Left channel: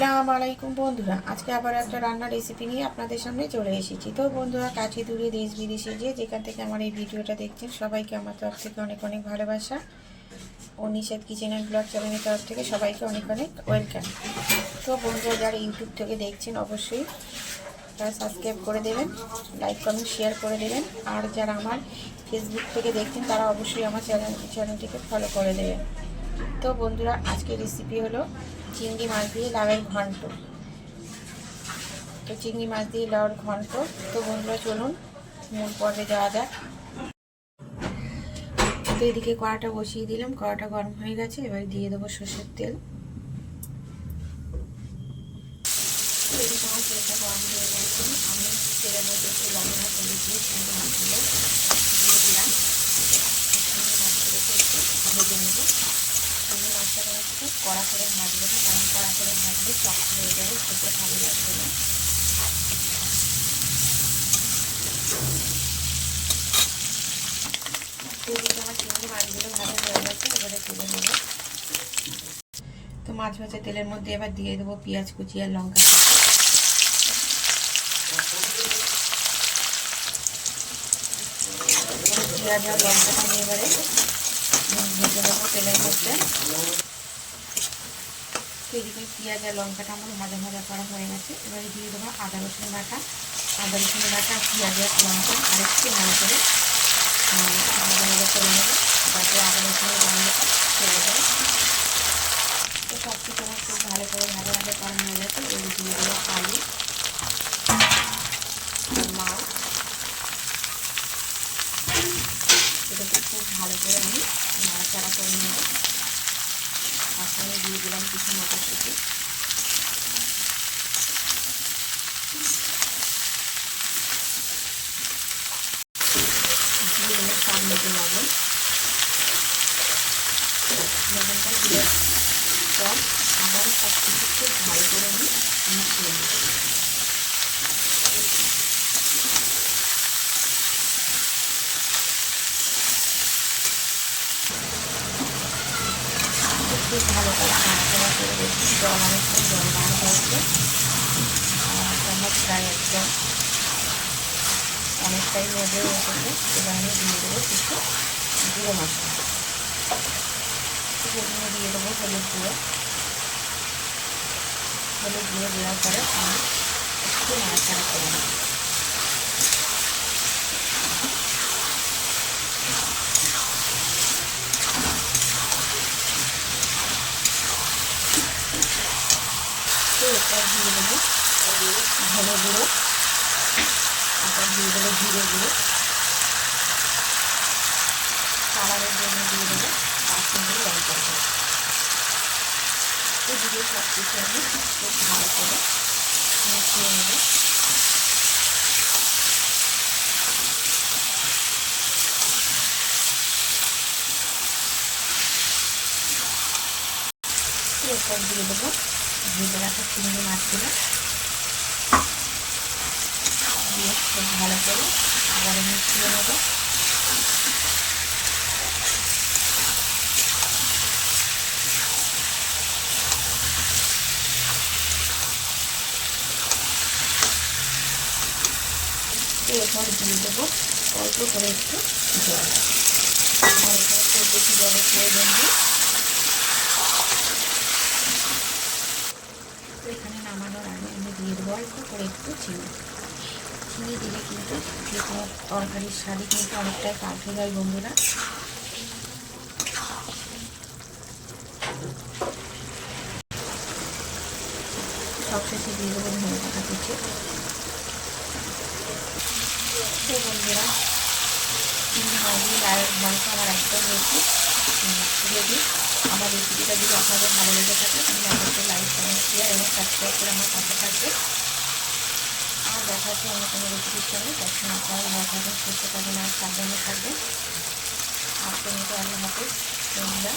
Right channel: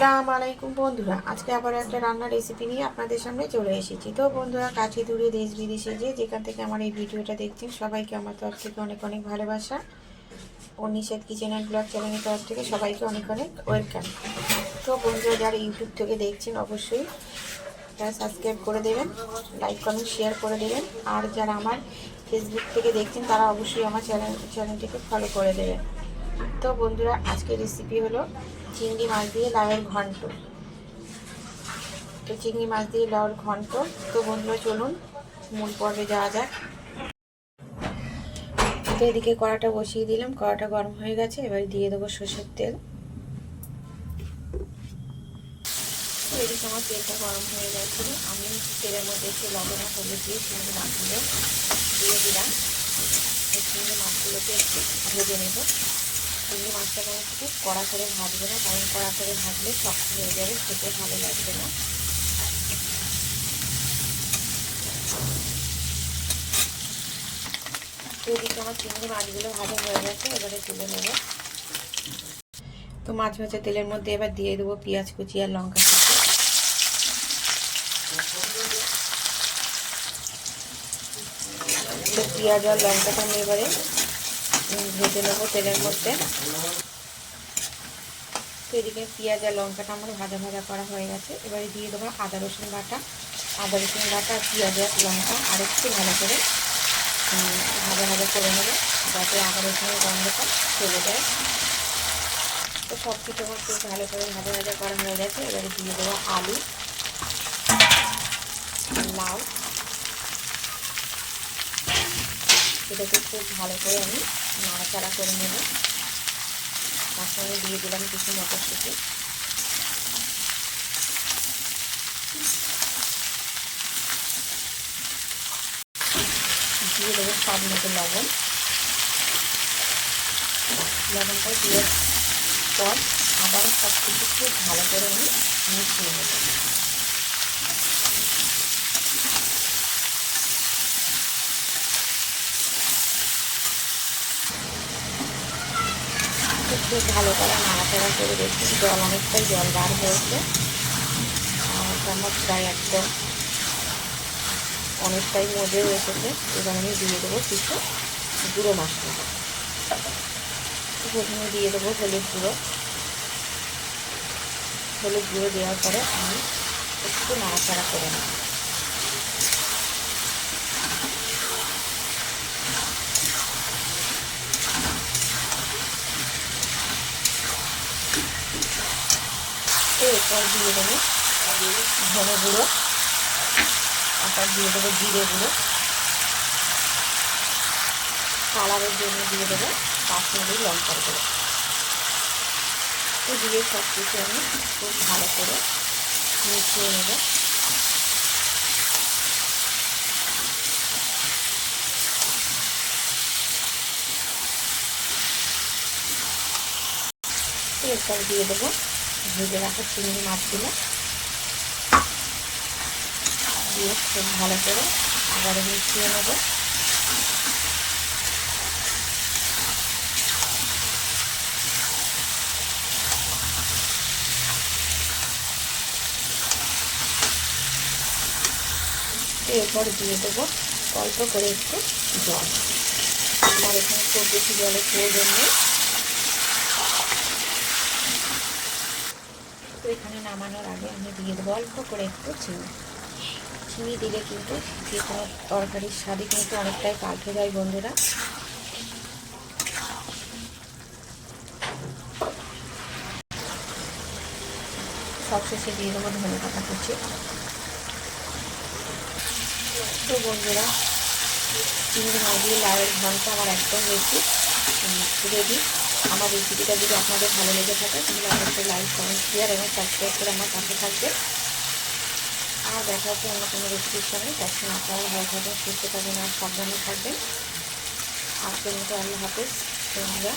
আসসালামু আলাইকুম বন্ধুরা, আজকে আবার একটা রান্নার রেসিপি নিয়ে আপনাদের সামনে চলে এসেছি। তো বন্ধুরা, কাছে দূরে দেশ বিদেশে যেখান থেকে আমার এই ভিডিওটা দেখছেন, সবাইকে আমার তরফ থেকে অনেক অনেক ভালোবাসা। অনিশাদ কিচেন অ্যান্ড ব্লগ চ্যানেলের তরফ থেকে সবাইকে অনেক অনেক ওয়েলকাম। তো বন্ধুরা, যারা ইউটিউব থেকে দেখছেন অবশ্যই তারা সাবস্ক্রাইব করে দেবেন, লাইক কমেন্ট শেয়ার করে দেবেন। আর যারা আমার ফেসবুক থেকে দেখছেন তারা অবশ্যই আমার চ্যানেলটিকে ফলো করে দেবেন। তো বন্ধুরা, আজকের রেসিপি হলো চিংড়ি মাছ দিয়ে লাউয়ের ঘন্ট। তো চিংড়ি মাছ দিয়ে লাউয়ের ঘন্ট। তো বন্ধুরা, চলুন মূল পর্বে যাওয়া যাক। তো এদিকে কড়াটা বসিয়ে দিলাম, কড়াটা গরম হয়ে গেছে। এবার দিয়ে দেবো সর্ষের তেল। এদিকে আমার তেলটা গরম হয়ে গেছে, আমি তেলের মধ্যে একটু লবণ হলুদ দিয়ে চিংড়ি মাছগুলো দিয়ে দিলাম। চিংড়ি মাছগুলোকে একটু ভেজে নেব। চিংড়ি মাছটাকে একটু কড়া করে ভাজবে না, কারণ কড়া করে ভাজলে শক্ত হয়ে যাবে, খেতে ভালো লাগবে না। এদিকে আমার চিংড়ি মাছগুলো ভাজা হয়ে গেছে, এবারে তুলে নেব। তো মাছ ভাজা তেলের মধ্যে এবার দিয়ে দেবো পেঁয়াজ কুচি আর লঙ্কা কুচি। পেঁয়াজ আর লঙ্কাটা আমি এবারে ভেজে নেবো তেলের মধ্যে। এদিকে পেঁয়াজ আর লঙ্কাটা আমার ভাজা ভাজা করা হয়ে গেছে। এবারে দিয়ে দেবো আদা রসুন বাটা। আদা রসুন বাটা, পেঁয়াজ আর লঙ্কা আরেকটু ভালো করে ভাজা ভাজা করে নেবো, যাতে আদা রসুনের গন্ধটা চলে যায়। তো সব কিছু আমার খুব ভালো করে ভাজা ভাজা করা হয়ে গেছে। এবারে দিয়ে দেবো আলু, মাছ। এটাকে খুব ভালো করে আমি নাড়াচাড়া করে নেব। তার সঙ্গে দিয়ে দিলাম কিছু মটরশুঁটি। দিয়ে দেবো স্বাদ মতো লবণ। লবণটা দিয়ে পর আবারও সব কিছু খুব ভালো করে আমি মিশিয়ে নেব। খুব ভালো করে নাড়াচাড়া করে দেখি, অনেকটাই জল বার হয়েছে। আর চামচ প্রায় একদম অনেকটাই মজেও এসেছে। এবার আমি দিয়ে দেবো কিছু গুঁড়ো মশলা। প্রথমে দিয়ে দেবো হলুদ গুঁড়ো। হলুদ গুঁড়ো দেওয়ার পরে আমি একটু নাড়াচাড়া করে নেব। এরপর দিয়ে দেবো ধনে গুঁড়ো, তারপর দিয়ে দেবো জিরে গুঁড়ো, কালারের জন্য দিয়ে দেবো কাশ্মীরি লঙ্কার গুঁড়ো। তো দিয়ে সব কিছু আমি খুব ভালো করে মিশিয়ে নেব। এরপর দিয়ে দেবো ভেজে রাখা চিংড়ি মাছগুলো, দিয়ে খুব ভালো করে আবার মিশিয়ে নেব। এরপর দিয়ে দেবো অল্প করে একটু জল। আমার এখানে খুব বেশি জলের প্রয়োজন নেই। তো এখানে নামানোর আগে আমি দিয়ে দেবো অল্প করে একটু চিনি। চিনি দিলে কিন্তু যে কোনো তরকারির স্বাদই কিন্তু অনেকটাই পাল্টে যায় বন্ধুরা। সবশেষে দিয়ে দেবো ধনে পাতা কুচি। তো বন্ধুরা, চিংড়ি মাছ দিয়ে লাউয়ের ঘন্ট আমার একদম রেডি। আমার রেসিপিটা যদি আপনাদের ভালো লেগে থাকে তাহলে অবশ্যই লাইক কমেন্ট শেয়ার এবং সাবস্ক্রাইব করে আমার পাশে থাকবে। আর দেখা হচ্ছে অন্য কোনো রেসিপির সঙ্গে। তখন আপনারা ভালো থাকবেন, সুস্থ থাকবেন আর সাবধানে থাকবেন। আজকের মতো আল্লাহ হাফেজ বন্ধুরা।